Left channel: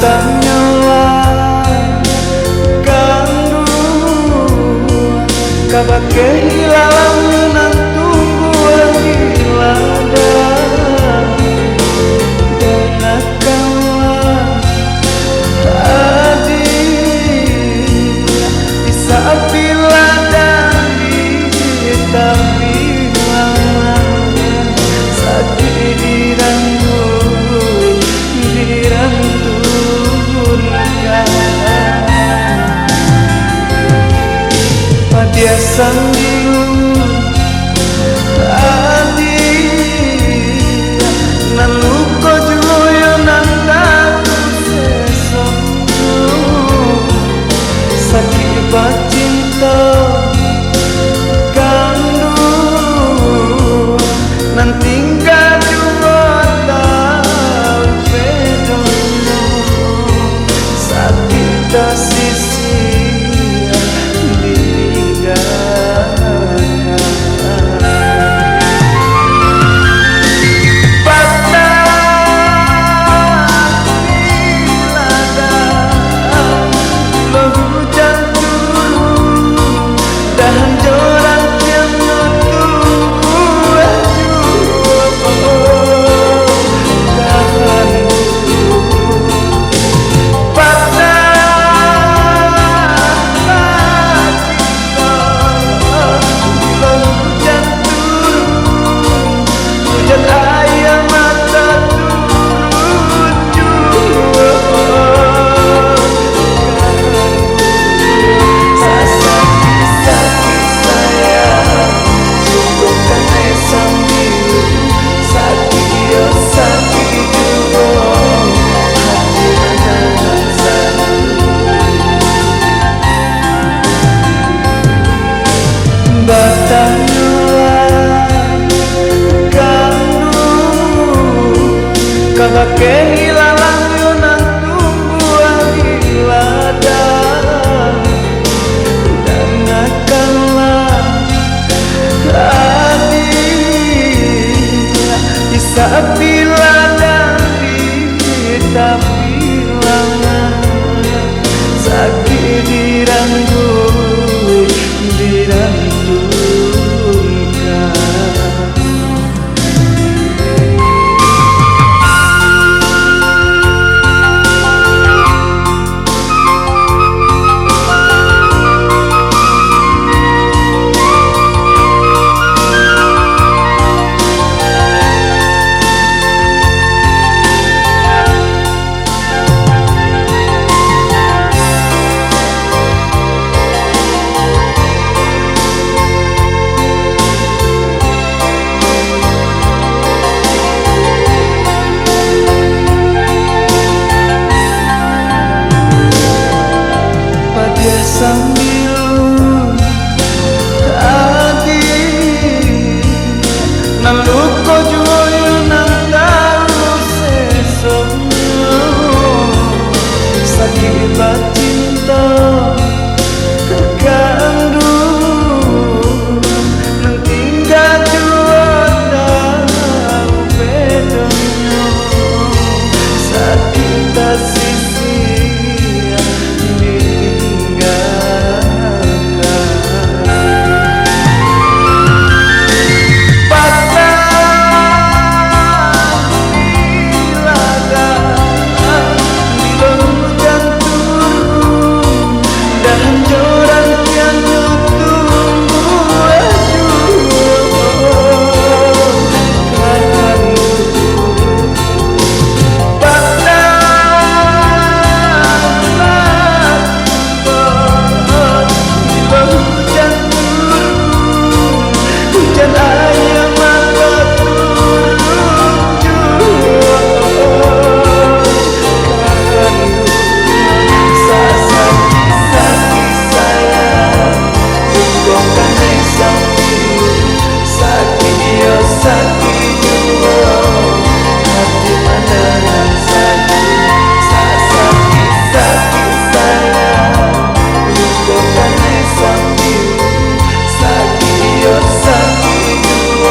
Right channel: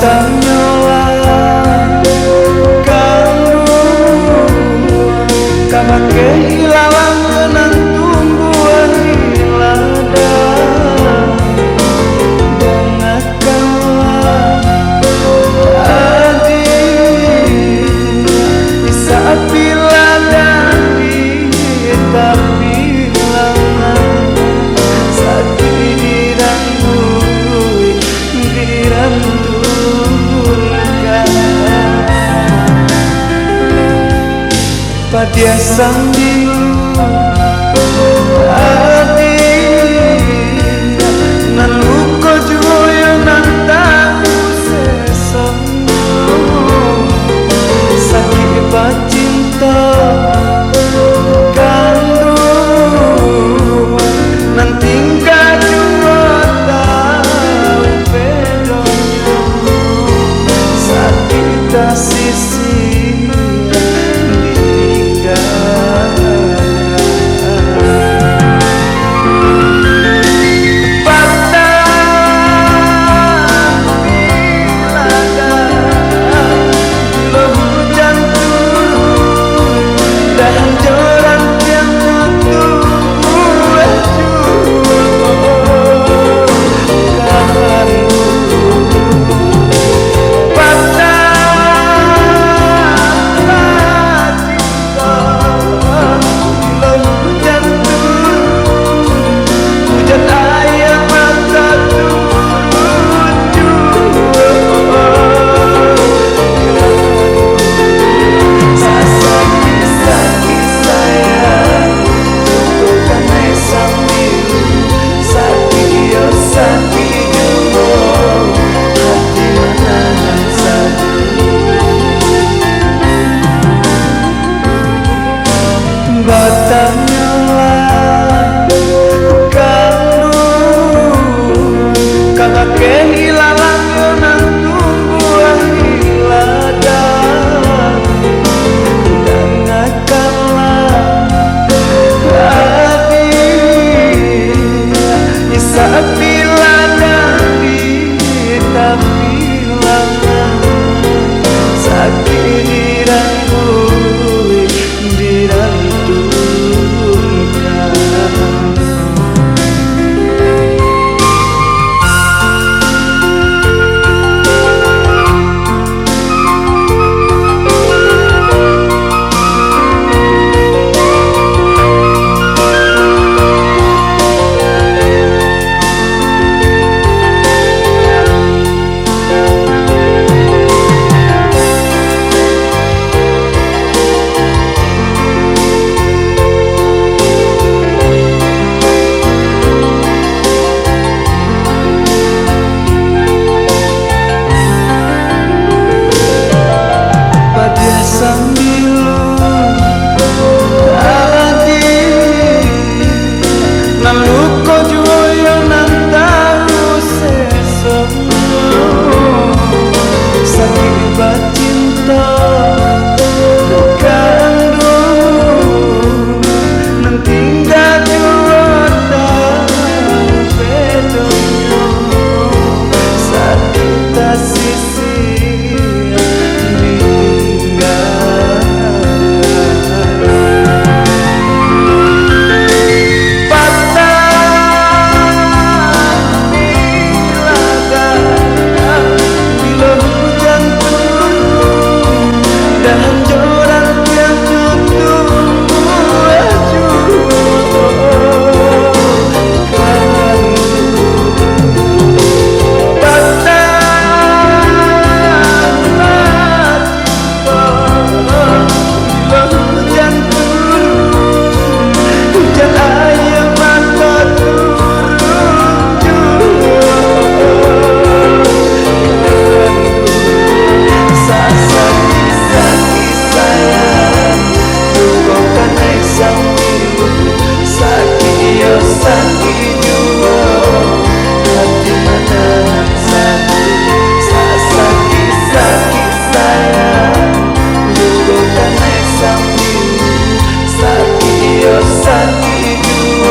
batangnya kabake hilalang ngeunang tumbuhan di ladang dengarkanlah tadi di saat di ladang di tapi lama sakit dirangkul diranturkan pada sambil tadi naluko joyo nantalu sesongo sakit bacinta ganduan nanti gak dua tahu bedanya sakit tak sisi batangnya kandung kabake hilalang ngeunang tumbuhan di ladang dengarkanlah hati di saat di ladang di tapi lama sakit dirangkul diranturkan pada sambil tadi naluko joyo nantalu sesongo sakit bacinta kandung nanti gak dua tahu bedanya sakit tak sisi dan orang yang tumbuh kan batang hujan turun hujan air mata sakit jua hati menanam sakit sakit sayang luka sambil sakit sakit jua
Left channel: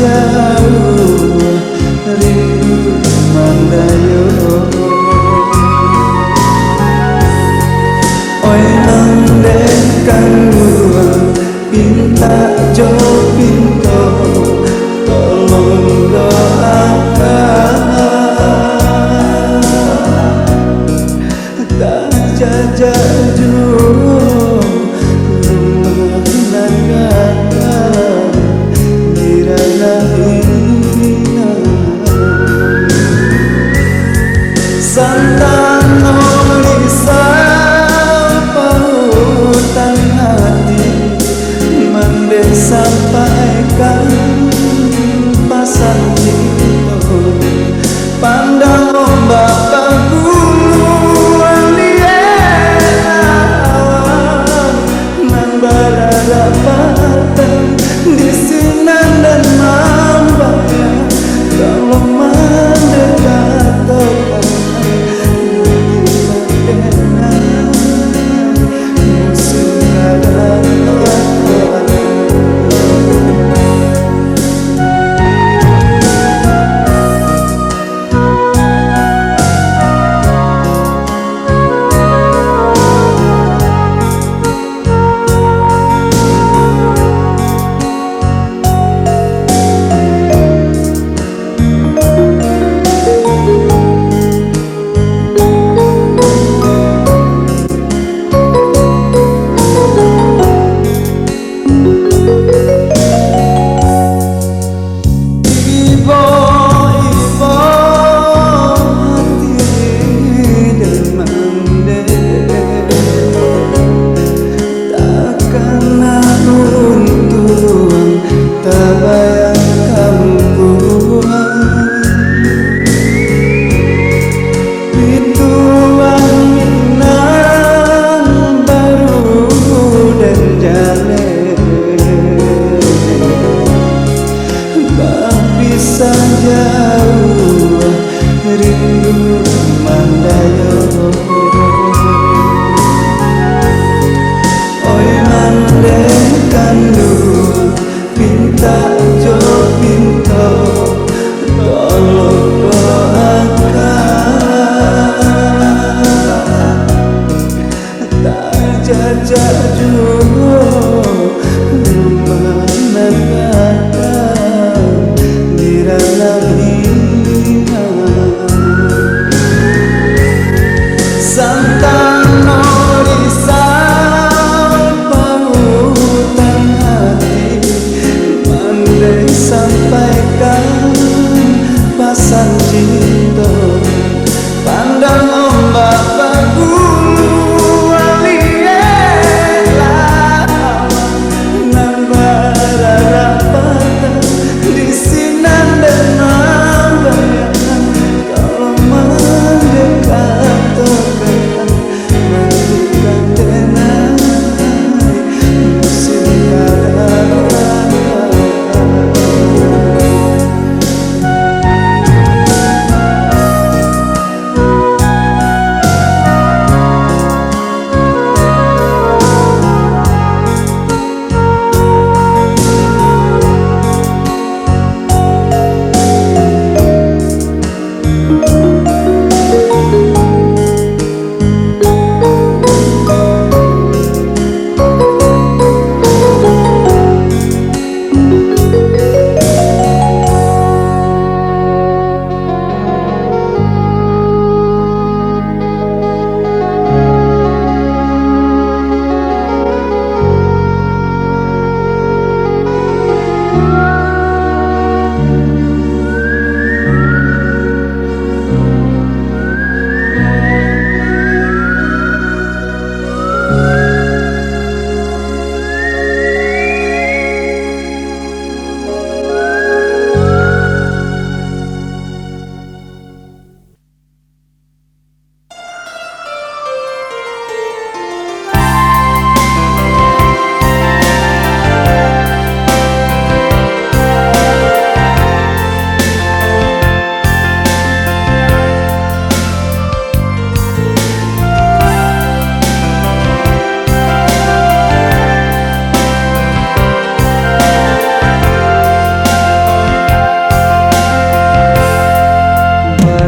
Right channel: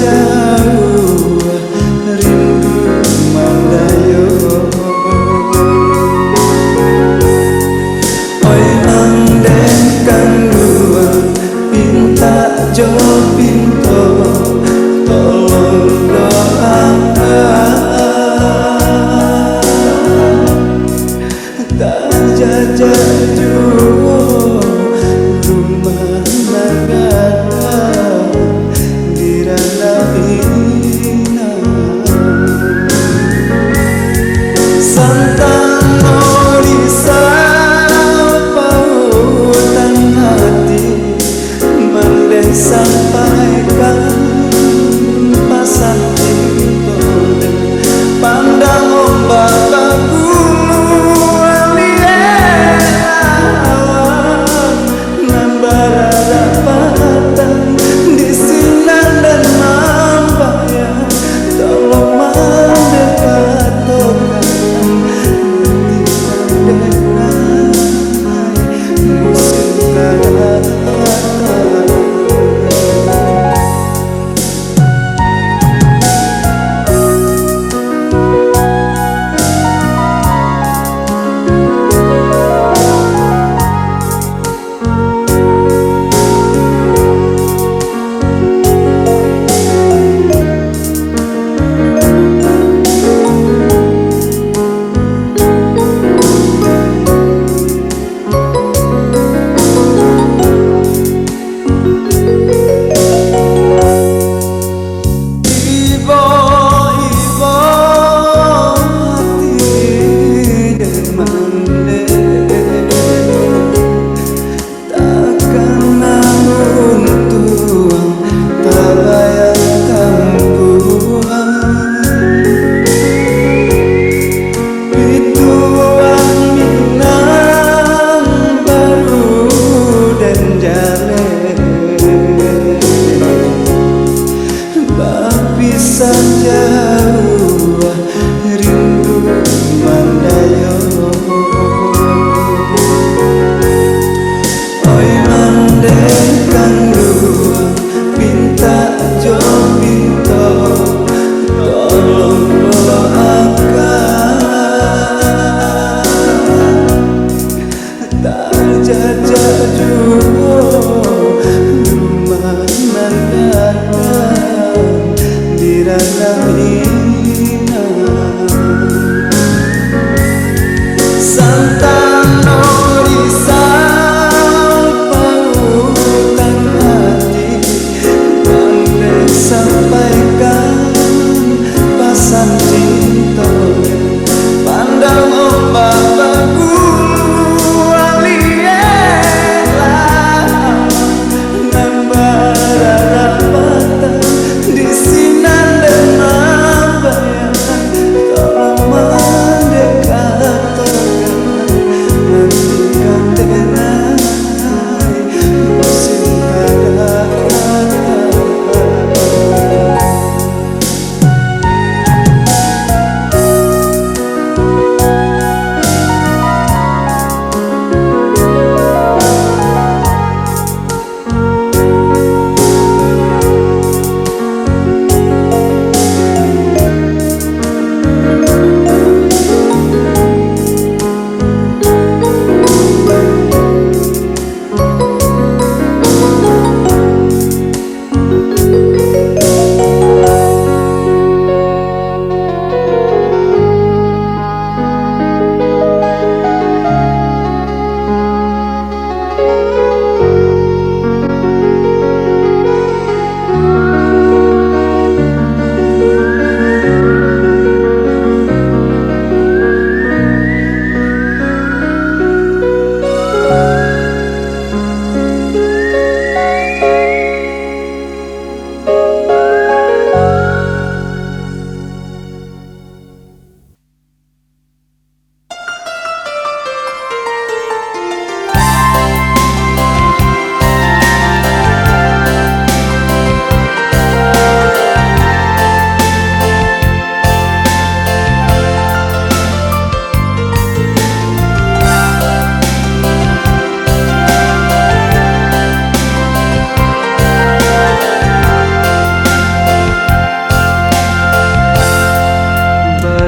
jauh rindu mandayo. Oi nandengkan gua pinta jo pinto tolong doakan tak jajaju rumah nangga dirana ina santang orisau pautan hati mande sampaikan pasan jitone pandang ombak baguan dielawan nan bararapatan di sinan dan mambayang kalau mendekat tokan dengan musim kadang bayangkan Tuhan pituan nang baru dan jale bisa jauh rindu mandayo. Oi nandengkan dua pinta jo pinto tolong doakan tak jajaju rumah nanggakan diranang ina santan orisau pautan hati pandai sampaikan pasan cinta pandang ombak baguan lielawan nan bararapatan di sinan dan mambayang kau mendekat tokan nantikan denai musim kadang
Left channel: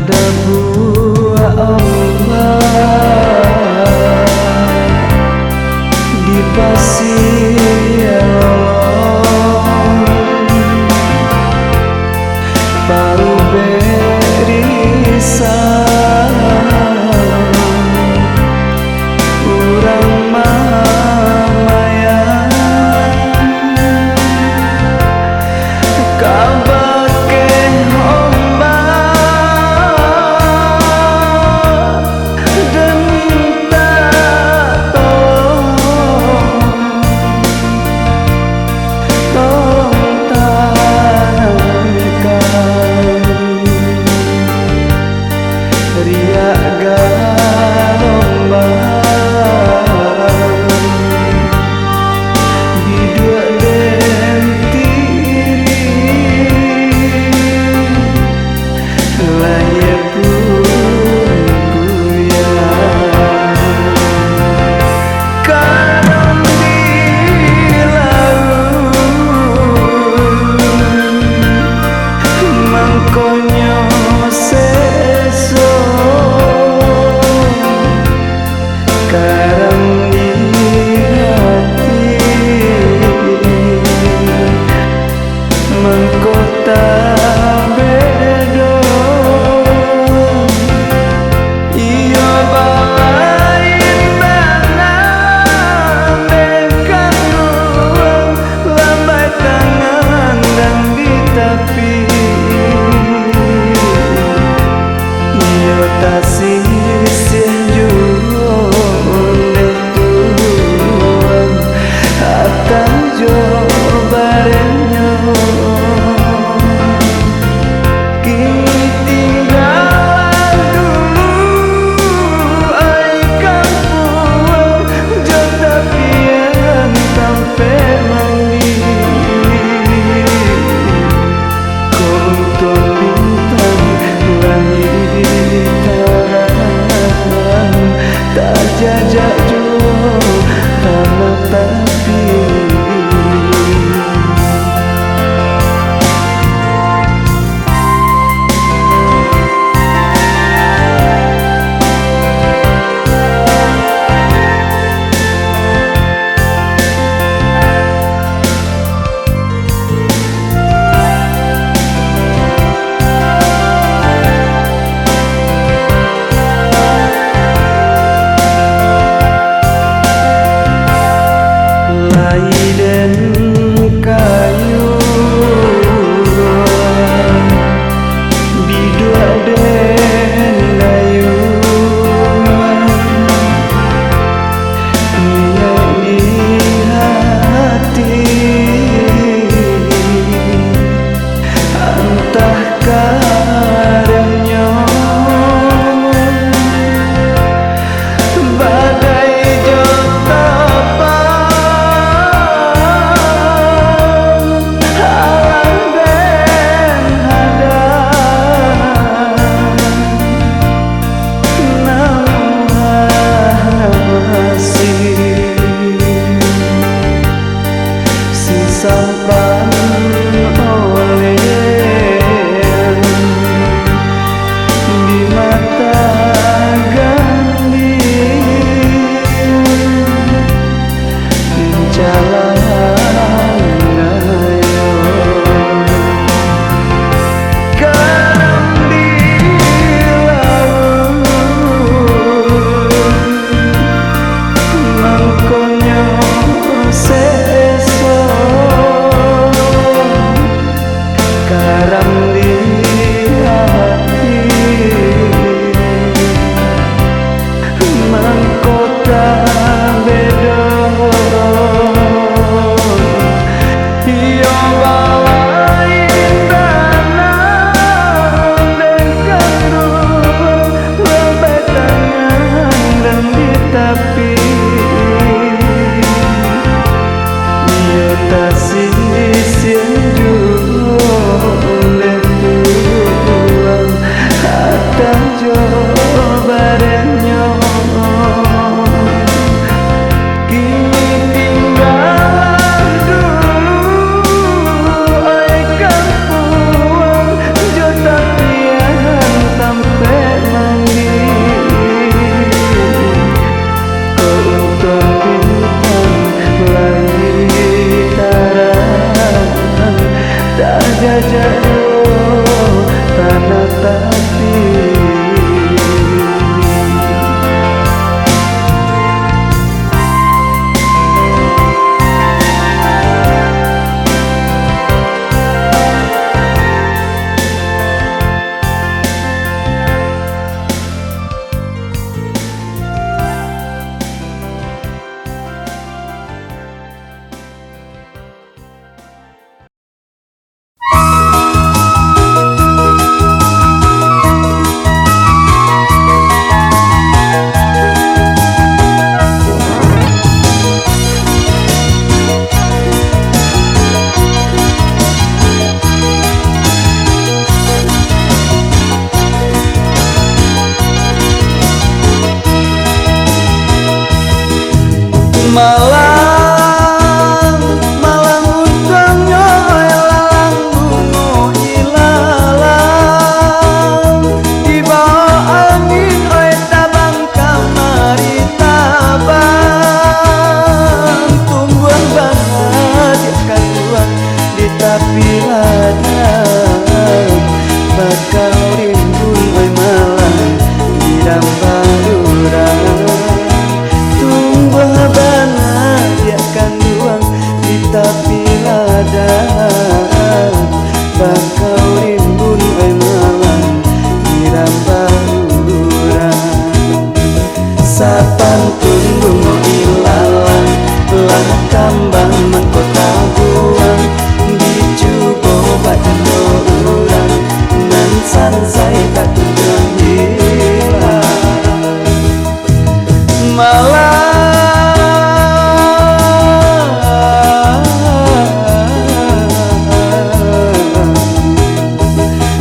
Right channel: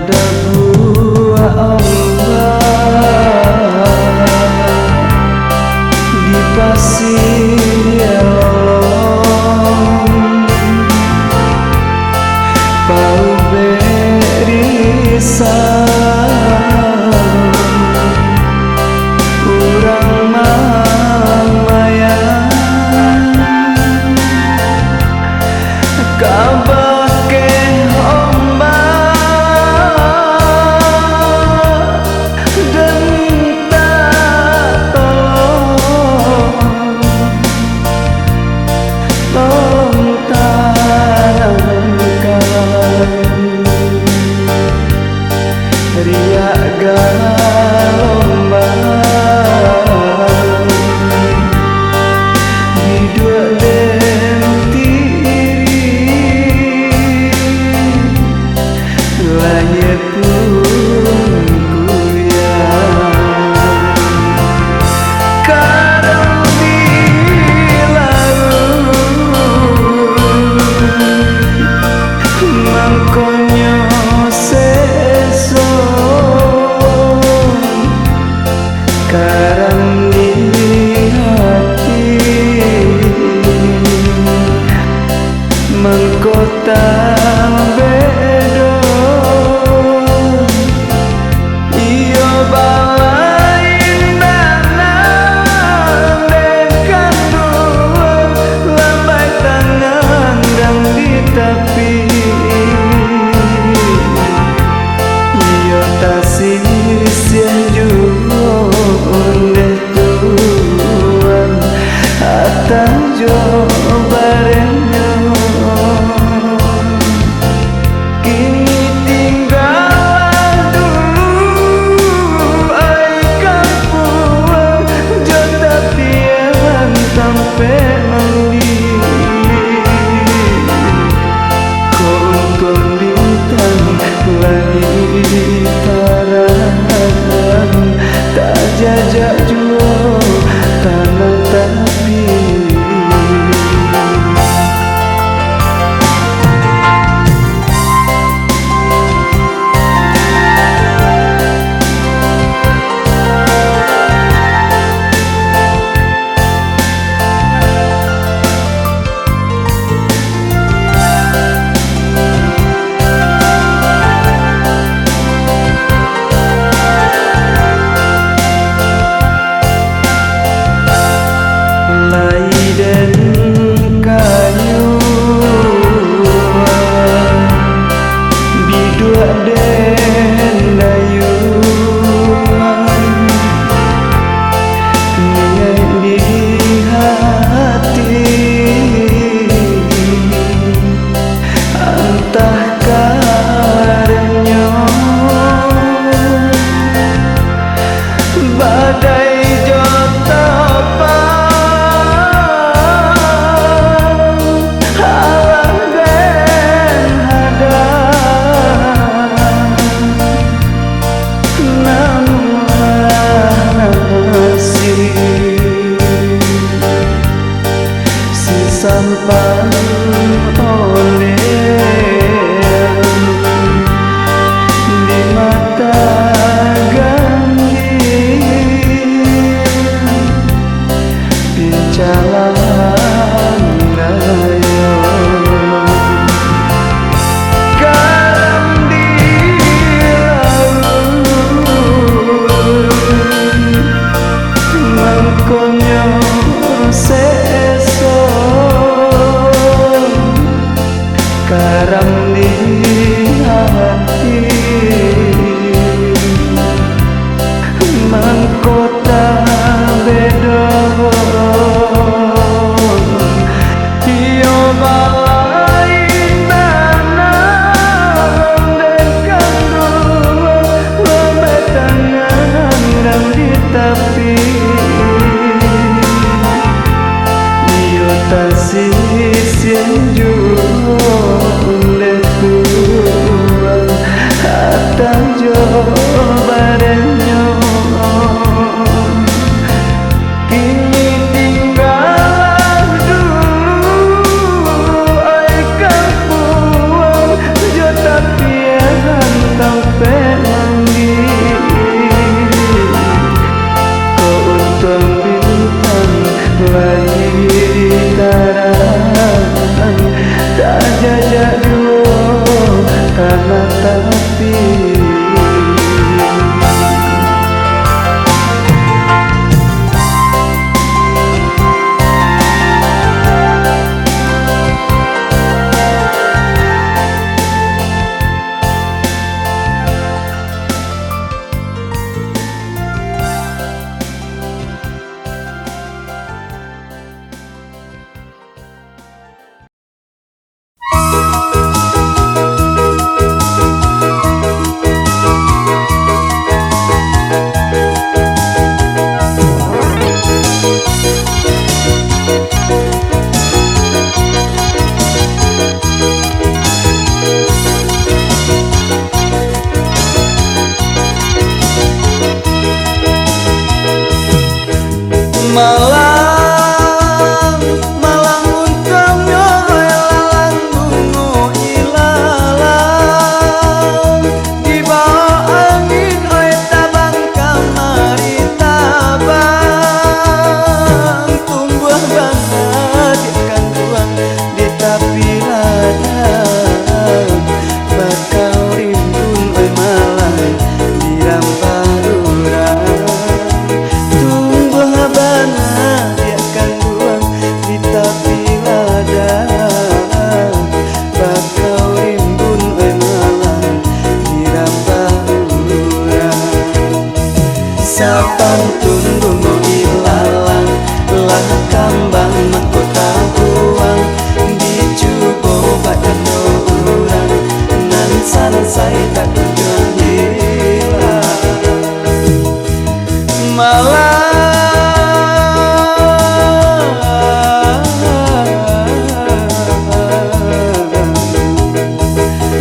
pada buah ombak di pasir lolong pau berisang urang mamayang kabake ombak dan minta tolong tanamkan riak galombang bidua den tiri lahir pun kuyang kadang di laut mangkonyo seso karam di hati mengkota bedo iyo balain danang dekan ruang lambai tangan dan di tapi iyo tasih siah juhunde tuan atang jo barenyo kini tinggal dulu ai kampung jo tapian sampai mandi konton bintang lahir taran tak jajak juo tanah tapi laiden kayu bidua den dayu niat di hati antah karenyo badai jota sampan oleh di mata gandhi pincalan dayo karam di laut mangkonyo seso karam di hati mangkota bedo iyo balain danang dekan ruang lambai tangan dan di tapi iyo tasih siang juhunde tuan atang jo barenyo kini tinggal dulu ai kampung jo tapian tampe tak jajak duo tanah tapi Malang, malang untangnya lalang bungo ilalang di bawah angin oi tabang kamari tabang tumbuh banget ikan buah di tapi ladang bakal rimbun oi malang di rambah urang tapi ladang bakal rimbun oi malang dirambah urang sapantun bungo ilalang lah kambang mahkota buang dijubo badan urang nan sansai tak kunjung hilang malang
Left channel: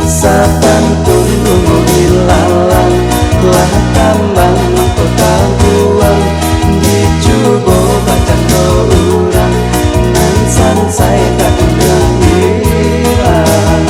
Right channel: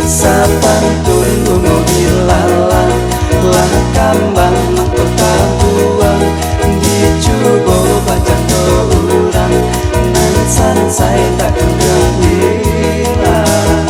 sapantun bungo ilalang lah kambang mahkota buang dijubo badan urang nan sansai tak kunjung hilang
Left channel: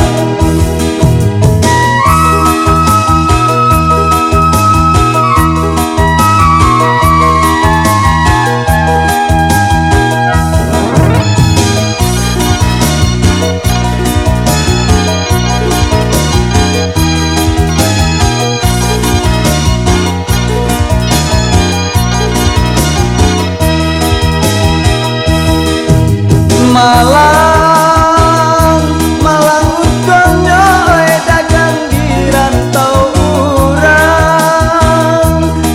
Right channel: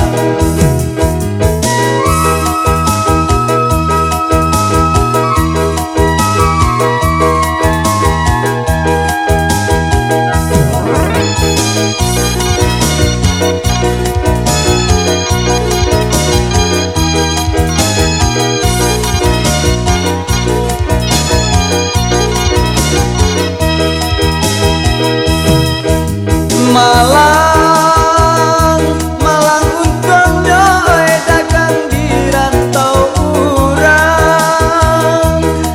Malang, malang untungnya oi dagang di rantau urang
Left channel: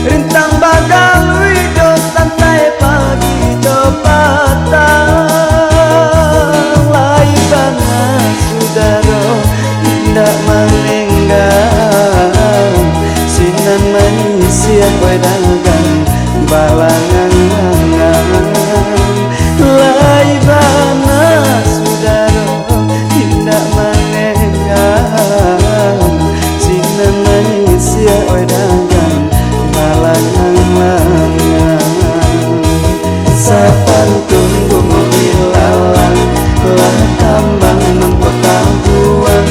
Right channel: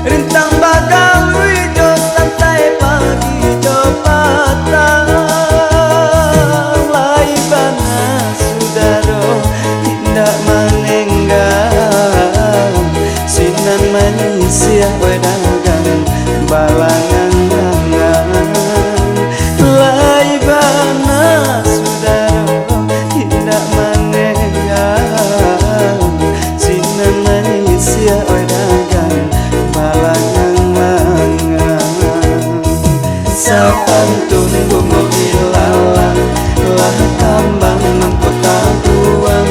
rintang bagang wido santai pagi do patang lai bana sudaro tidak menenggang sinan manusia oi dagang balangan lai bana sudaro tidak menenggang sinan manusia oi dagang balangan sapantun bungo ilalang lah kambang mahkota buang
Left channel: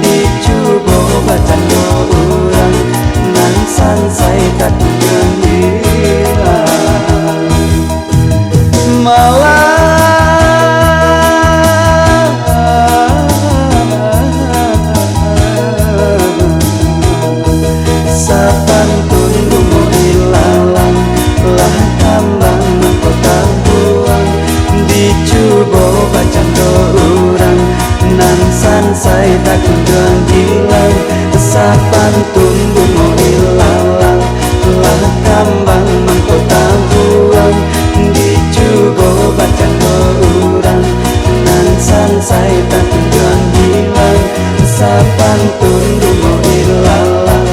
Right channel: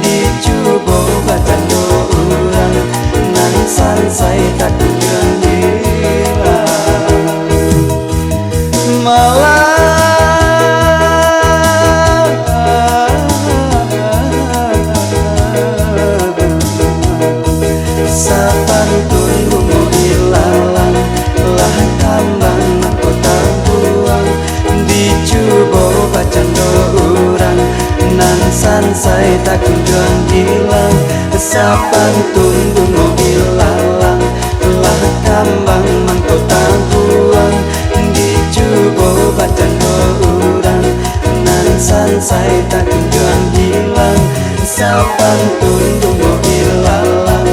dijubo badan urang nan sansai tak kunjung hilang malang sapantun bungo ilalang lah kambang mahkota buang dijubo badan urang nan sansai tak kunjung hilang sapantun bungo ilalang lah kambang mahkota buang dijubo badan urang nan sansai tak kunjung hilang sapantun bungo ilalang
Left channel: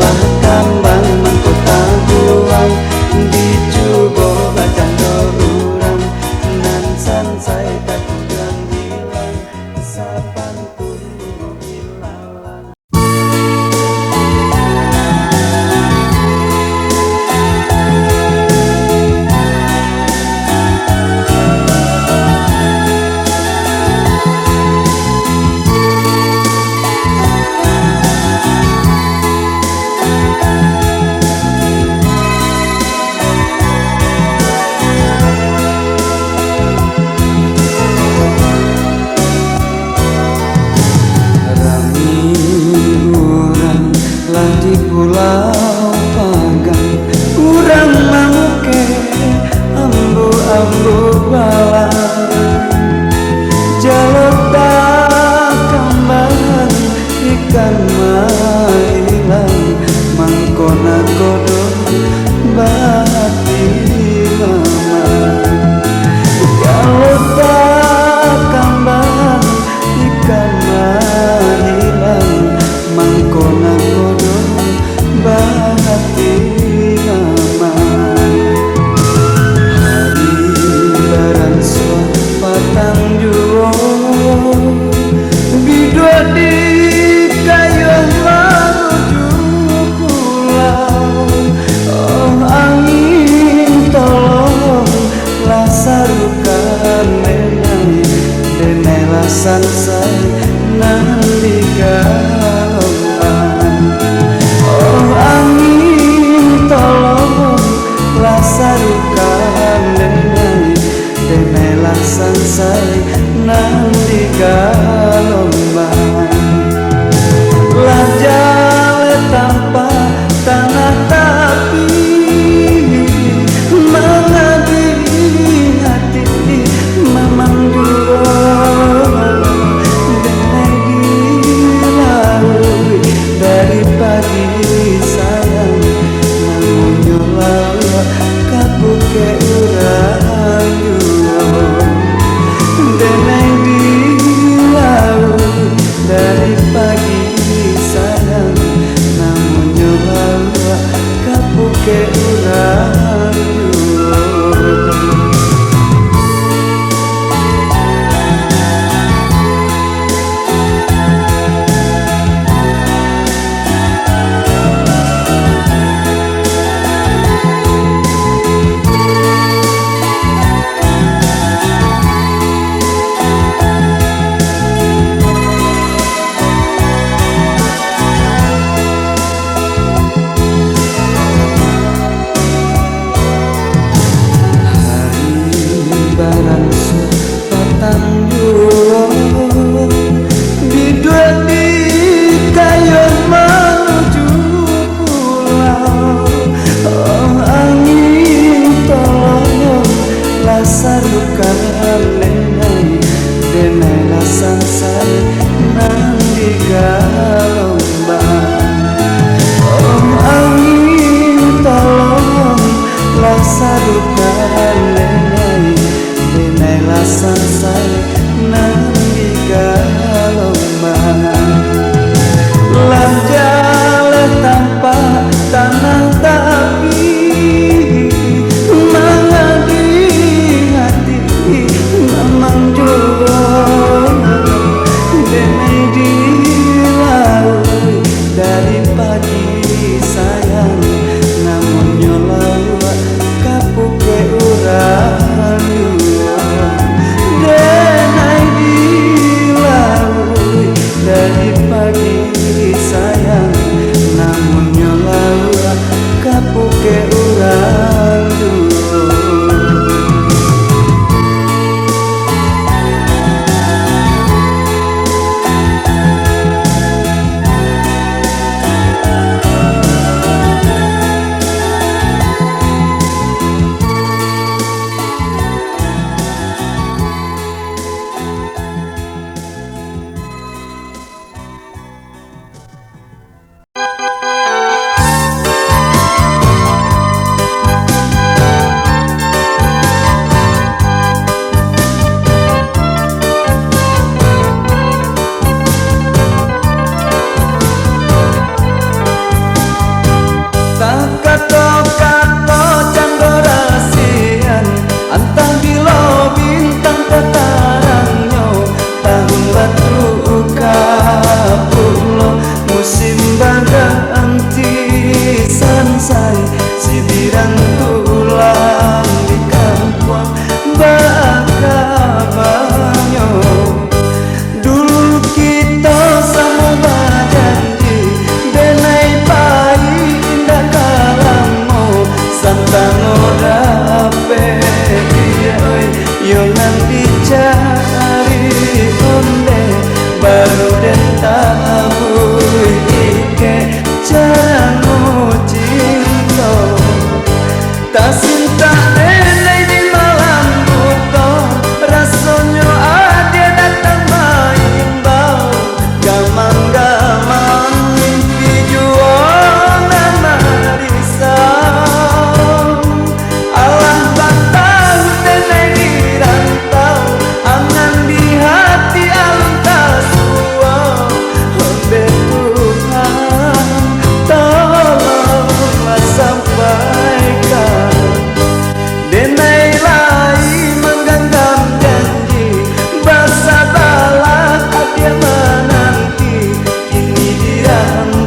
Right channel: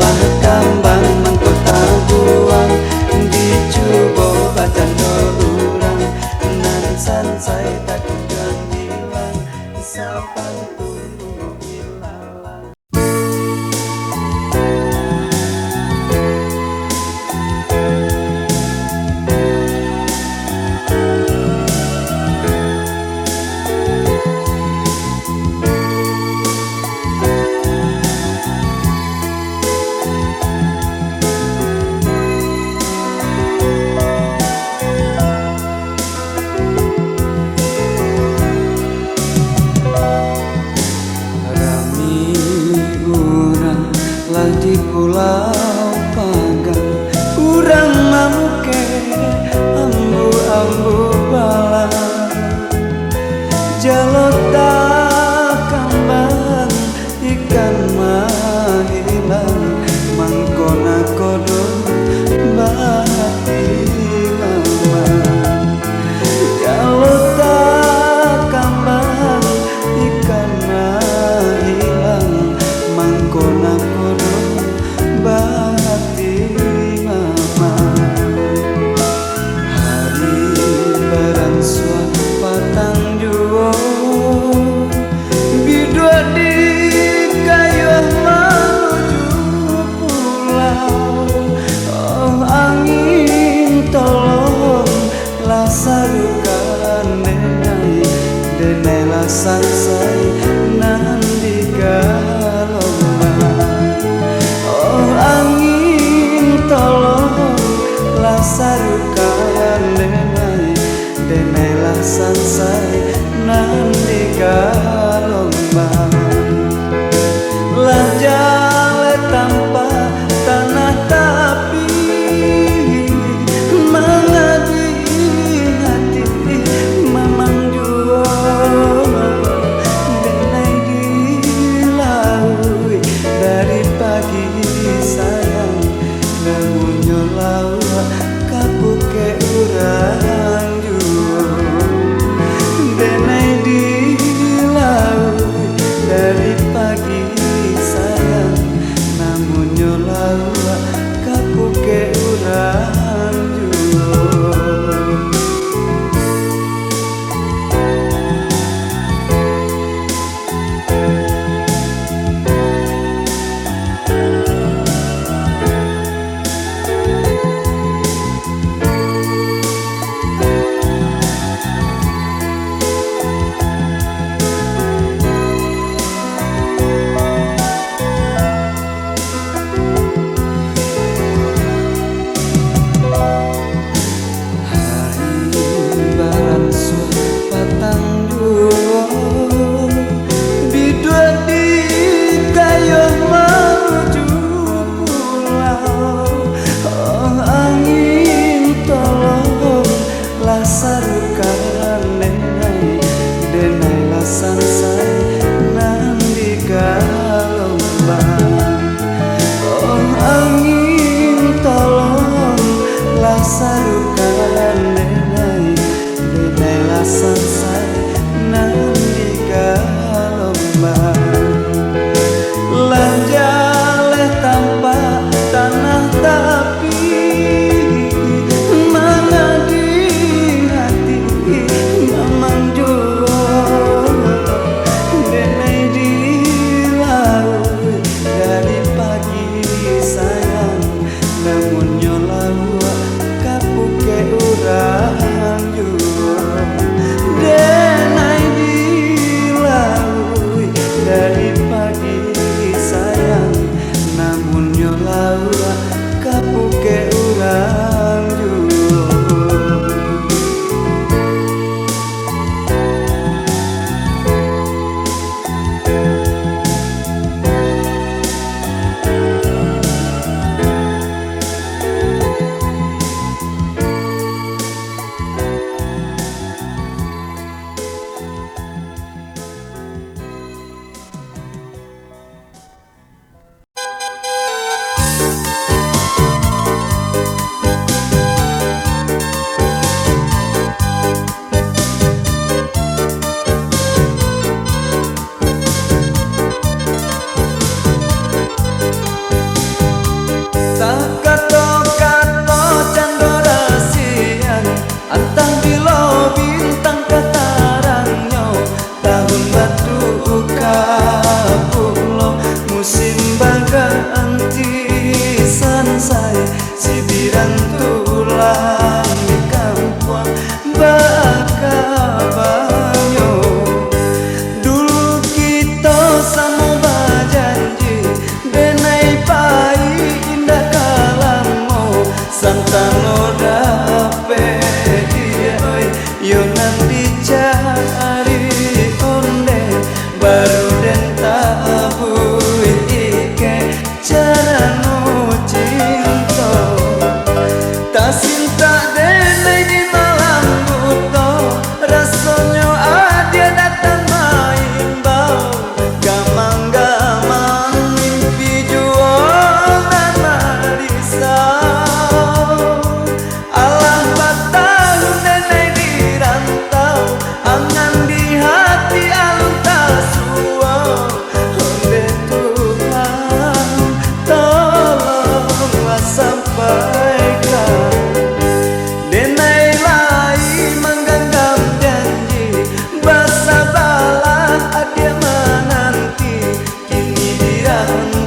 lah kambang mahkota buang dijubo badan urang nan sansai tak kunjung hilang sapantun bungo ilalang di Pulau Pagang urang mamuke ambu-ambu bala jalota kambang ikan mailang mangkona kodo bahati mama jalota kambang ikan mailang mangkona kodo bahati mama hari barang suat patang juo bidua di kayu menuju pulau oh angin tolong lah sarukan denai lah sansai nanti galombang oh angin tolong lah sarukan denai lah sansai nanti galombang lah jale tanpa tanah tapi mengadi hati mamang juro denai dilalui dari pagi sayang namun nyolawa kapuke urang juro denai dilalui dari pagi sayang namun nyolawa kapuke urang juro sarukan denai lah sansai nang di galombang oh angin tolong lah sarukan denai lah sansai nang di galombang lah jale tanpa tanah tapi mamang juro denai dilalui dari pagi sayang namun nyolawa kapuke urang juro denai dilalui dari pagi sayang namun nyolawa kapuke urang juro Kato-kato candorasian antang bilo bintang kataranyo tahun batu kapulo musim baganti sansai sibiran tulang di kampung bakabanyo dulu kita sama bajanji denai pai indah kalamo santano dape yo nanti cari onde baru den tabu ike cara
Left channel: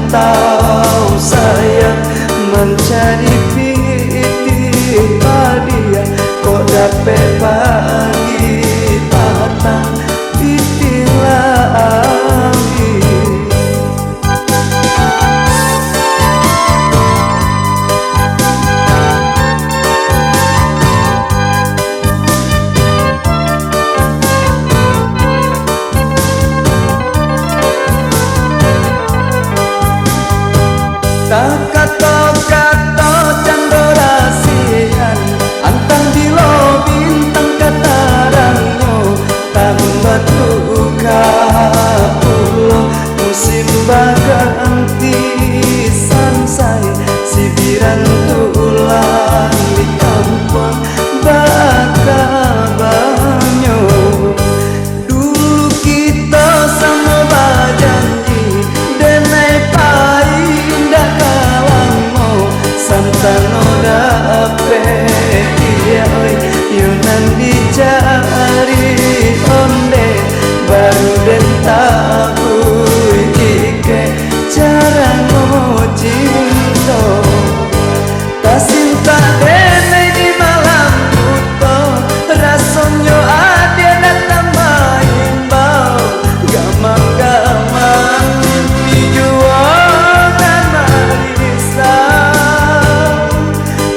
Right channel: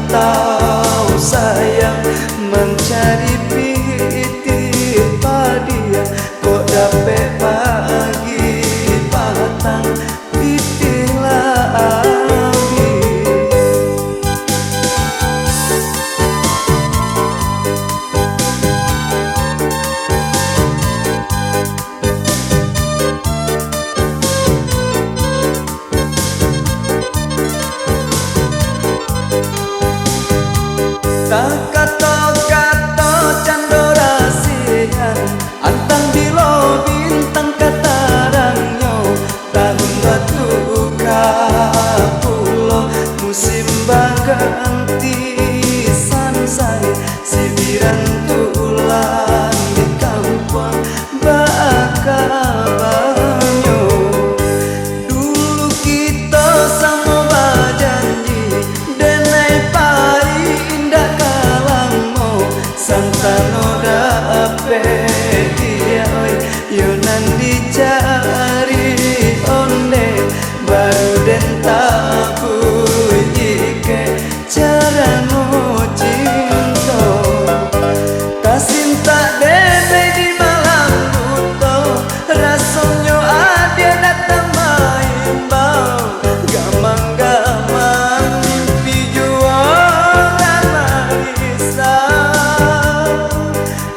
rantau sayang mencari piti padia kok dapet pagi patang piti lagi. Kato-kato candorasian antang bilo bintang katarangnya tahun batu kapulo musim baganti sansai sibiran tulang di kampung bakabanyo. Dulu kita sama bajanji denai pai indah kalangmo santano dape dia oi yunan dicari onde baru den tabui jike cara ngocinto tak cinta denai di malam buto rasonyo adia datang maimbau gamang-gamang dijualan marisau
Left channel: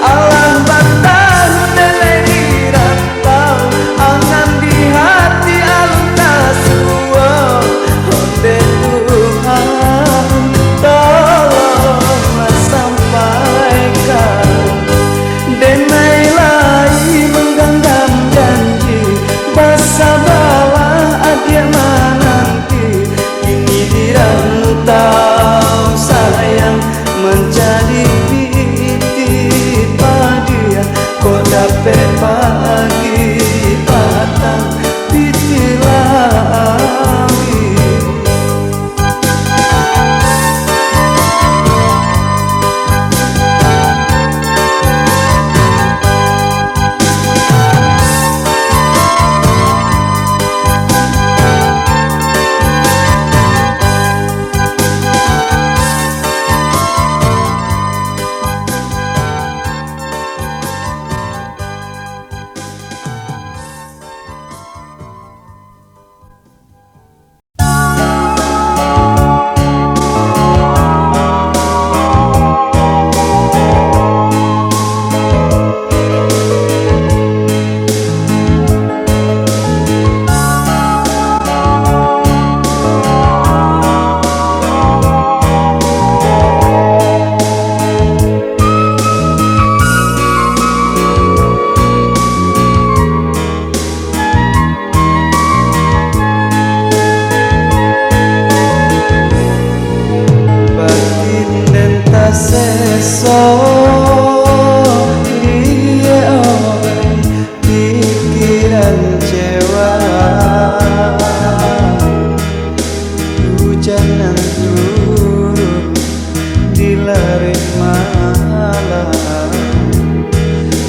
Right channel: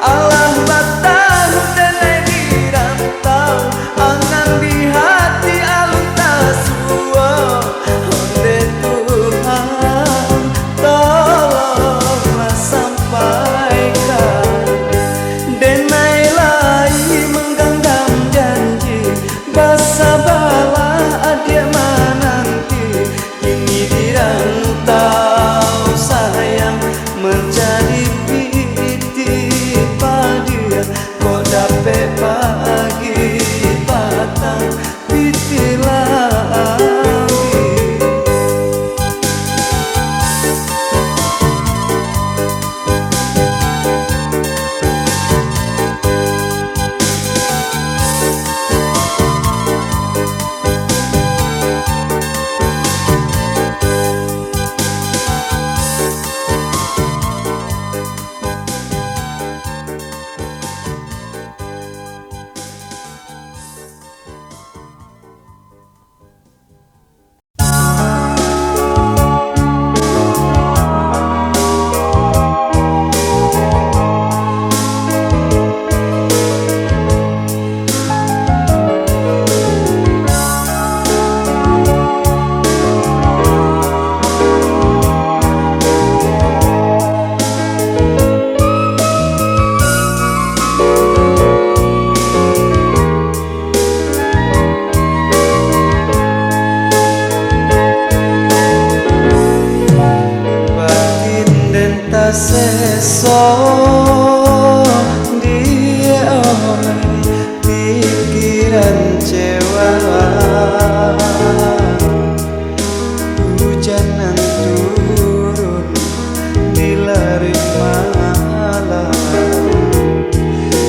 alang batang denai dirantau angan di hati alun tasua onde Tuhan tolonglah sampaikan denai lai menggenggam janji bersabarlah adia menanti kini dirantau sayang menjadi piti padia kok dapet pagi patang piti lagi. Seso dia oleh pikiran cewa hujanan turun di larik malam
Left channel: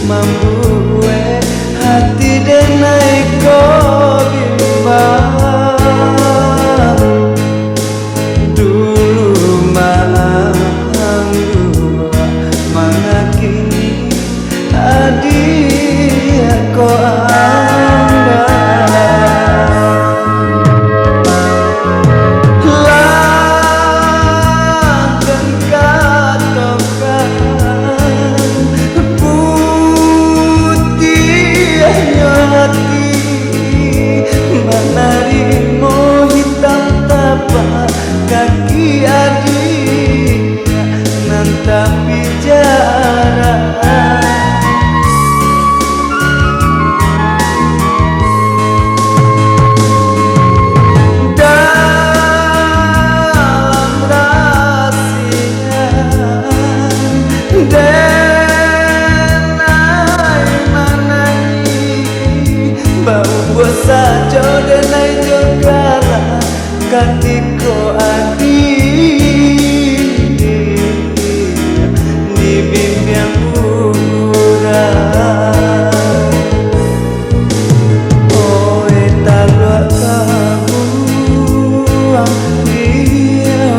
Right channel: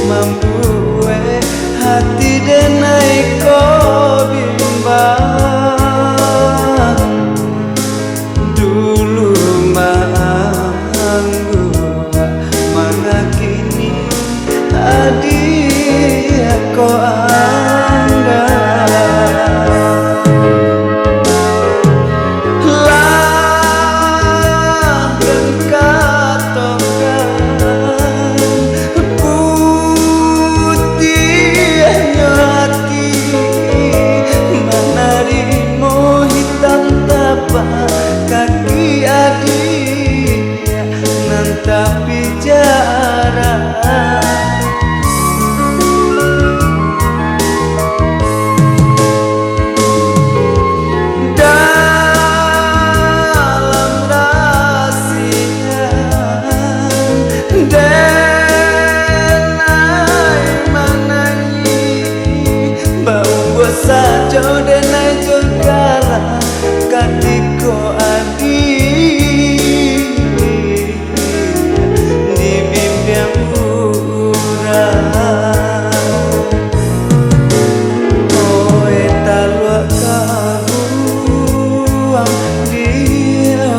membuat hati denai ko bimbang dulu mana kini adia ko anda langgan katokan putih hati menarimo hitam tapak kaki adik nantapi jarak dalam rasian denai manai bau bosajo denai jogala katiko adi dibimbing urang oh eta luak kabuang dia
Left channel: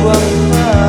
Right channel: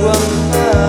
buang patah.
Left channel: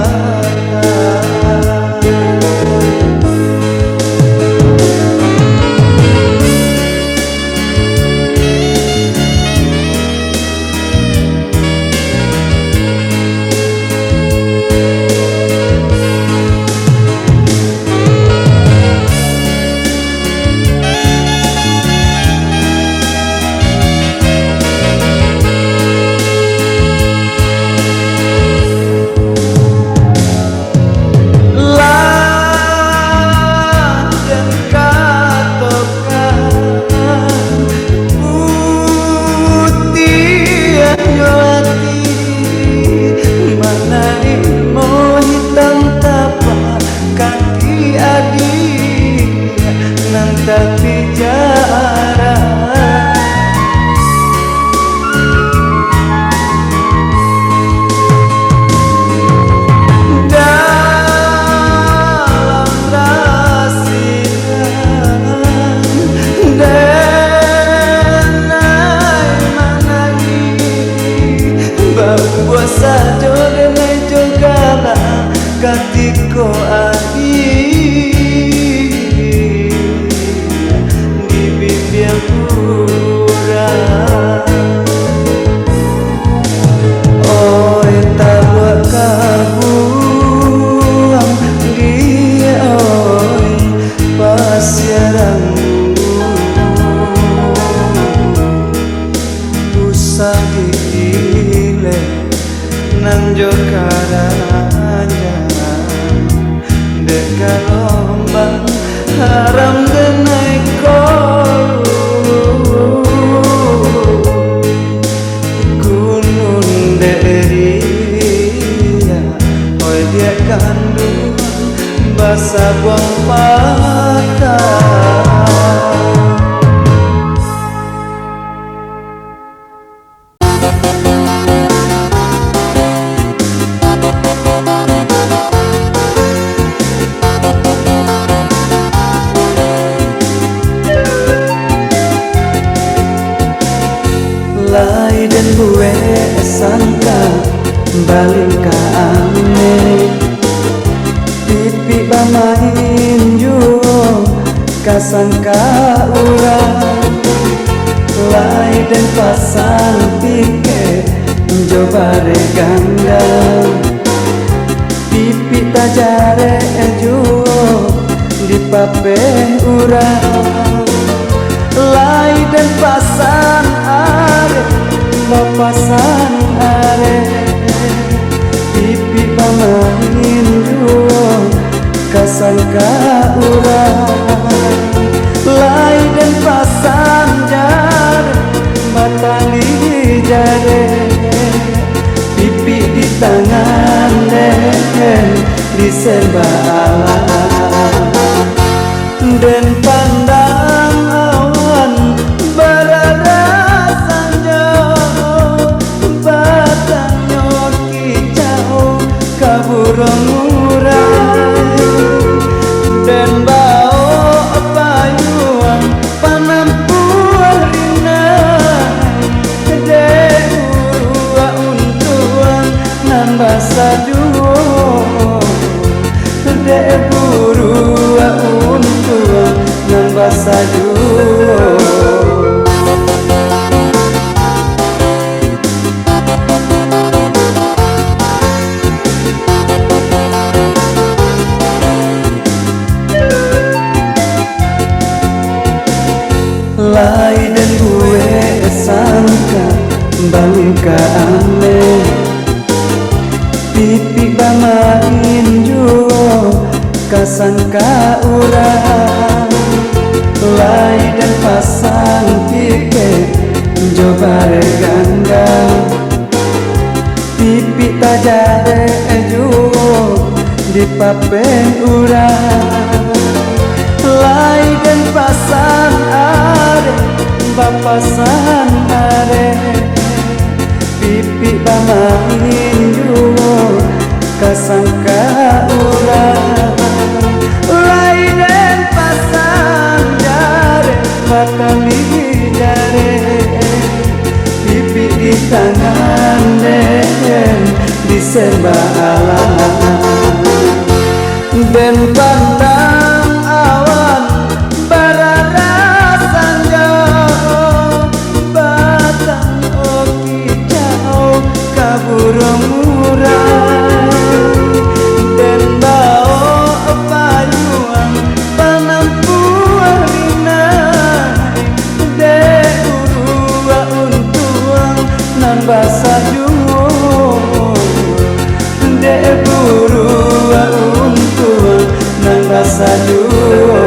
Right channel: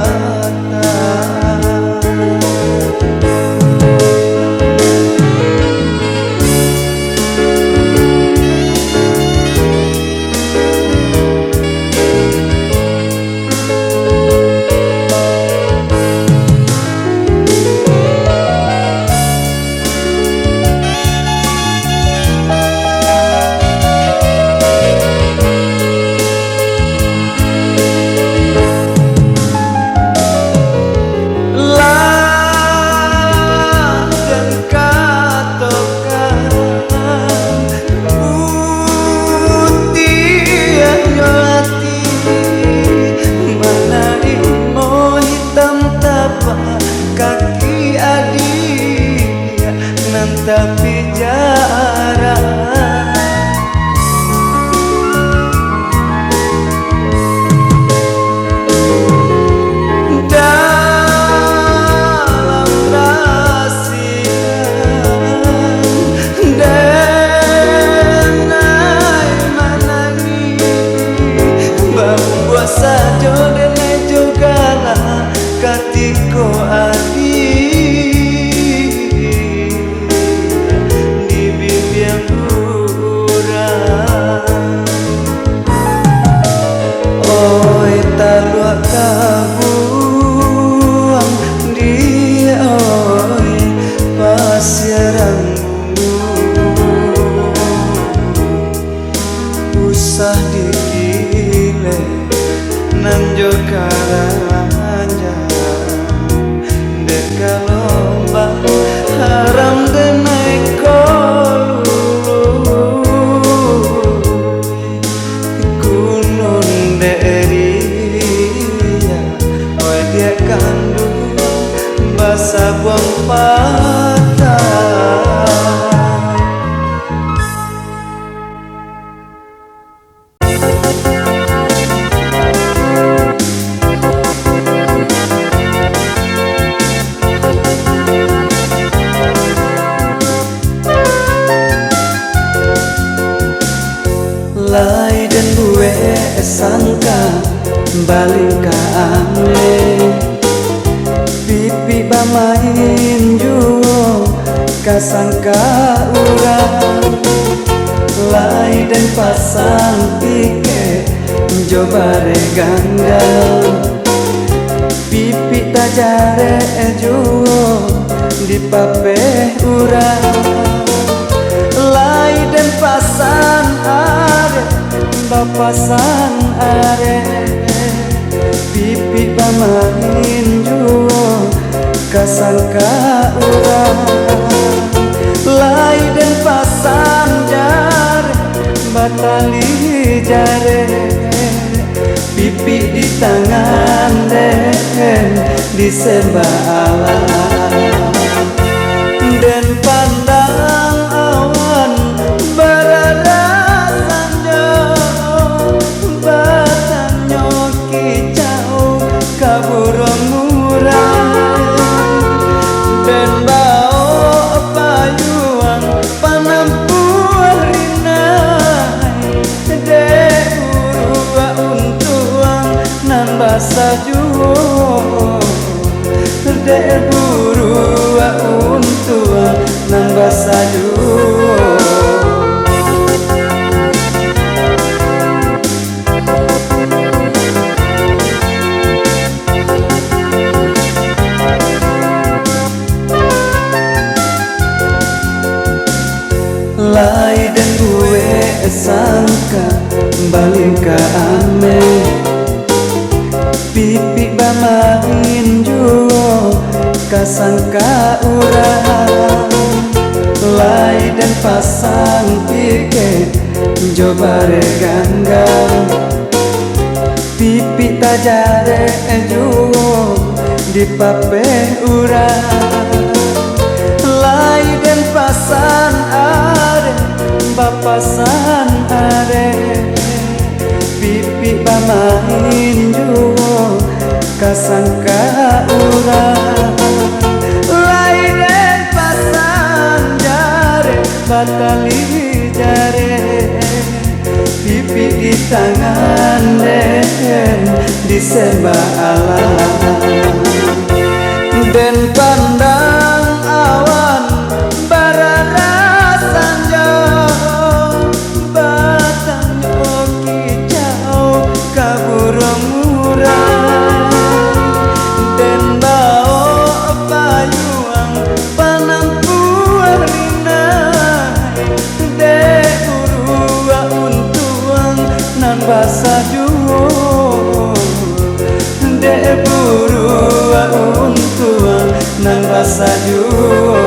Kaki adik nan tapi jarang dalam rasian denai manai bahwa sajo denai jogala katiko adi di bibir kurang oi talua kabuang dia oi pasiaranmu usah gile nanjo karanya dekalombang haram denai kolu gunung deria oi dia kandung basa buang patah. Lai dan gue sangka balik ke ane pipi bamain juo kasangka urang lai dan pasang pike jobare gandang pipi tajare juo di pape urang lai dan pasan are bapasan are pipi bamain duo kasangka urang lai dan pasan jare batali jare pipi di tangan di serba alam dan pandang awan berarasannya batangnya kicau kaburung murai dan bau payuan panampuan rinai dek urua untuan nan basajuo dek burua untuan nan basajuo. Lai dan gue sangka balik ke ame pipi bamain juo kasangka urang lai dan pasang pike jobare gandang pipi tajare juo di pape urang lai dan pasan are bapasan are pipi bamain duo kasangka urang lai dan pasan jare batali jare pipi di tangan disembah alam. Den pandang awan bararat jauh, batang oki jauh kaburung murai. Den bawa payuang penampu rinai, de urua untuang nan basa juo, de urua untuang nan basa juo.